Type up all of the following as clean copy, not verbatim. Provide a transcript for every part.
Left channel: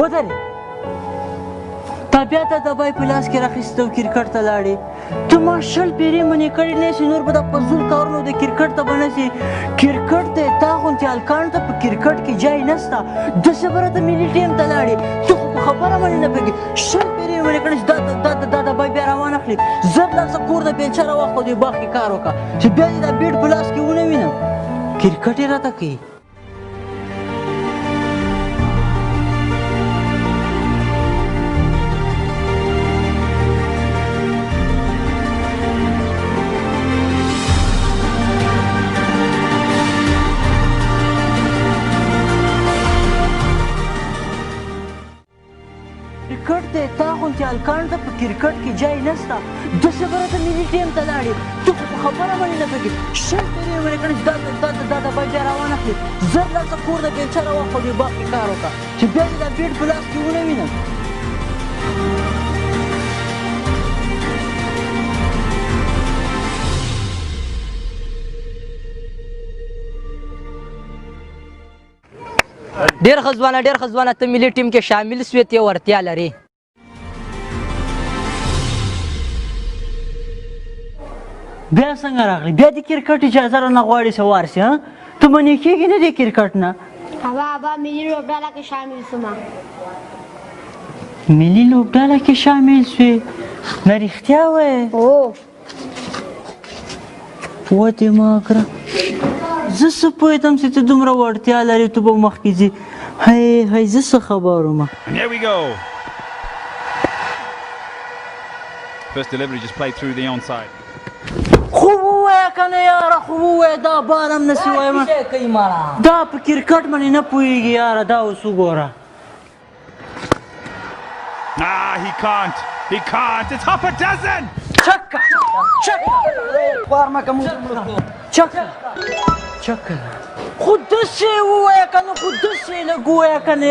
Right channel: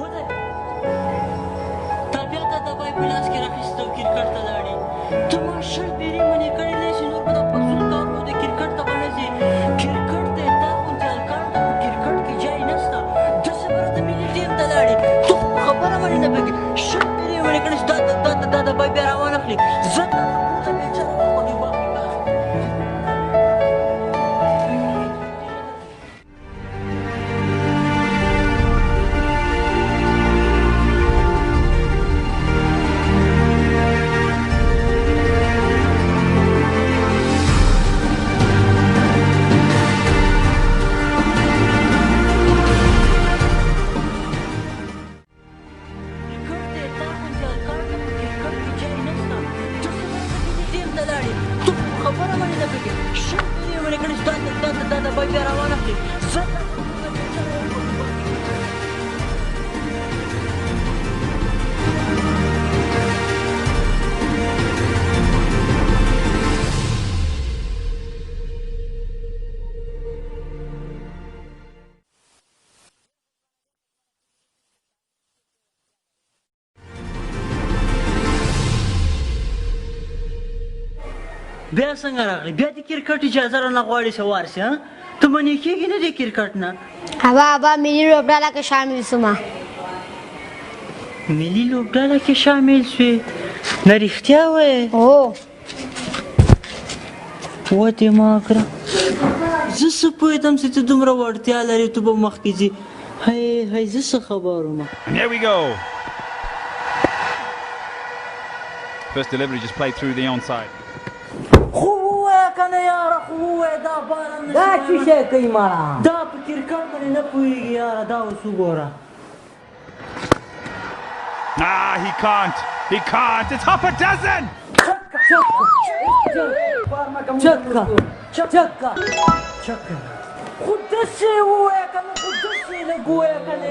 ودرې تا بیا د دبای په لاس کې راخیستی او کرکټ ته لاړې ته ما 20 پیرې منې کړې نه شي نور به دا فضول کارونه د کرکټ ته به نه شي کرکټ ته تا غوندې هلکانو ته په کرکټ کې ځای نشته داسې به راته ملي ټیم ته لاړې ته خو په خبره باندې نه پوهېږې 20 پیرې منې کړې دا دبای بیا راوانه اخلي زر لاړ شه کور د بیلچه راواخله دې باغ کې کار وکړه چې بیا دې دا بیټ په لاس کې ونه وینم کرکټ یې راته کوي هلکانو ته په کرکټ کې ځای نشته داسې به راته ملي ټیم ته لاړې ته په خبره باندې نه پوهېږې 20 پیرې منې کړې چې دا دبای بیا روانه کړې زر لاړ شه کور د بیلچه راواخله دې باغ کې کار وکړه چې بیا دې دا بیټ په لاس کې ونه وینم ډېر ښه ځوانه ته ملي ټیم کې شامل سوې ته ورتیا لرې بیا څنګه راغلی بیا د کرکټ اجازه رانه غواړې څه وار شي ته منې کېږې نه د کرکټ نه ابا ملي لوبډله کې شامل شومه ملي لوبډله کې شامل شوې نه رښتیا وایې وتې ما کړه زه څه پوهېدم چې ته دومره وړتیا لرې ته به مخکې ځې هی زه څه خبر وم Here we go. First delivery just played through the onside. خوب ووایه که نه یاره خوب ووایه دا بار هم نسي وایم دا په کرکټ باندې نه پوهېږي یاره دا اوس وګوره He can't. It's half a dozen. چکه خو داسې ووایه که نه خو داسې لږ ووایه که نه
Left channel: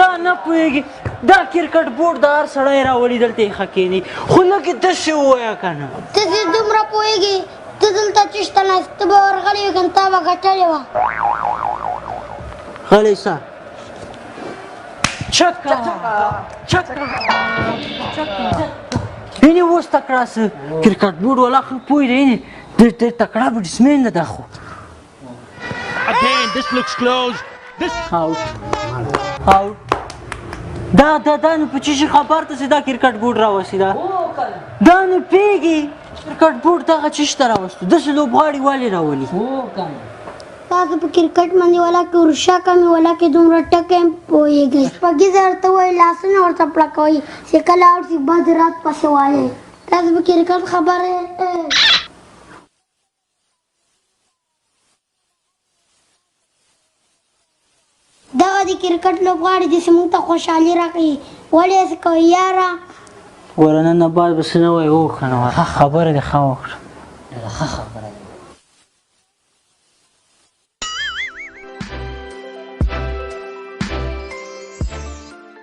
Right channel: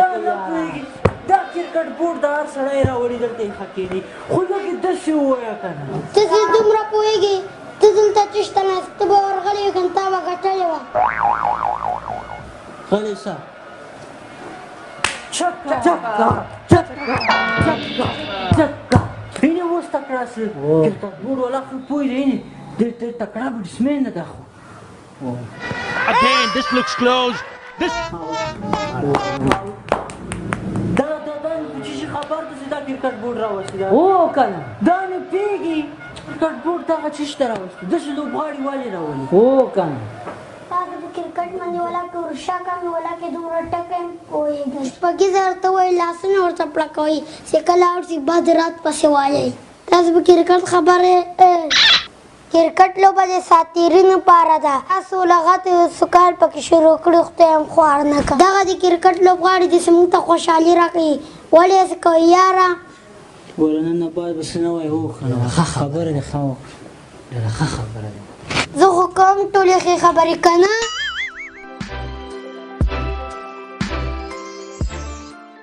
دا نه پوهېږي دا کرکټ بورډ د هر سړی راولي دلته یې ښه کښېني خو لږ یې داسې ووایه که نه ته چې دومره پوهېږې ته دلته چېشته ناست ته به ورغلی وې که نه تا به ګټلې وه غلی شه یعنې اوس تکړه څه کرکټ بورډ والا خو پوه دی ډېر تکړه بیټسمین ده دا خو Again, this looks close. Out. دا نو په چی شي خبر ده چې دا کرکټ بورډ راوستي دا دا نو پوهېږي کرکټ بورډ دغه چیش ته راوستو داسې لوبغاړي ولې راولي تاسو په کرکټ باندې ولا کې ورشا کمې ولا کې دومره ټکې هم پوهېږئ شپږیزه ورته وایي لاسونه ورته پړکوئ چې کله اوړ شي بد رات پسې وایئ تاسو په کرکټ خبرې کرکټ لوبه د ساتیرینو پاره ده تاسو لغت سکال پکې شروع کړي خدای هم خوار نه کړه دغه د کرکټ لوبغاړي داسې موږ ته خوشحالي راکوي ولې هسې کوئ یاره ګوره نن نه بعد به څه نه وایي وکړه نو خبره دې ښه وکړه زه خو کوم ټولې ښې خبرې که نه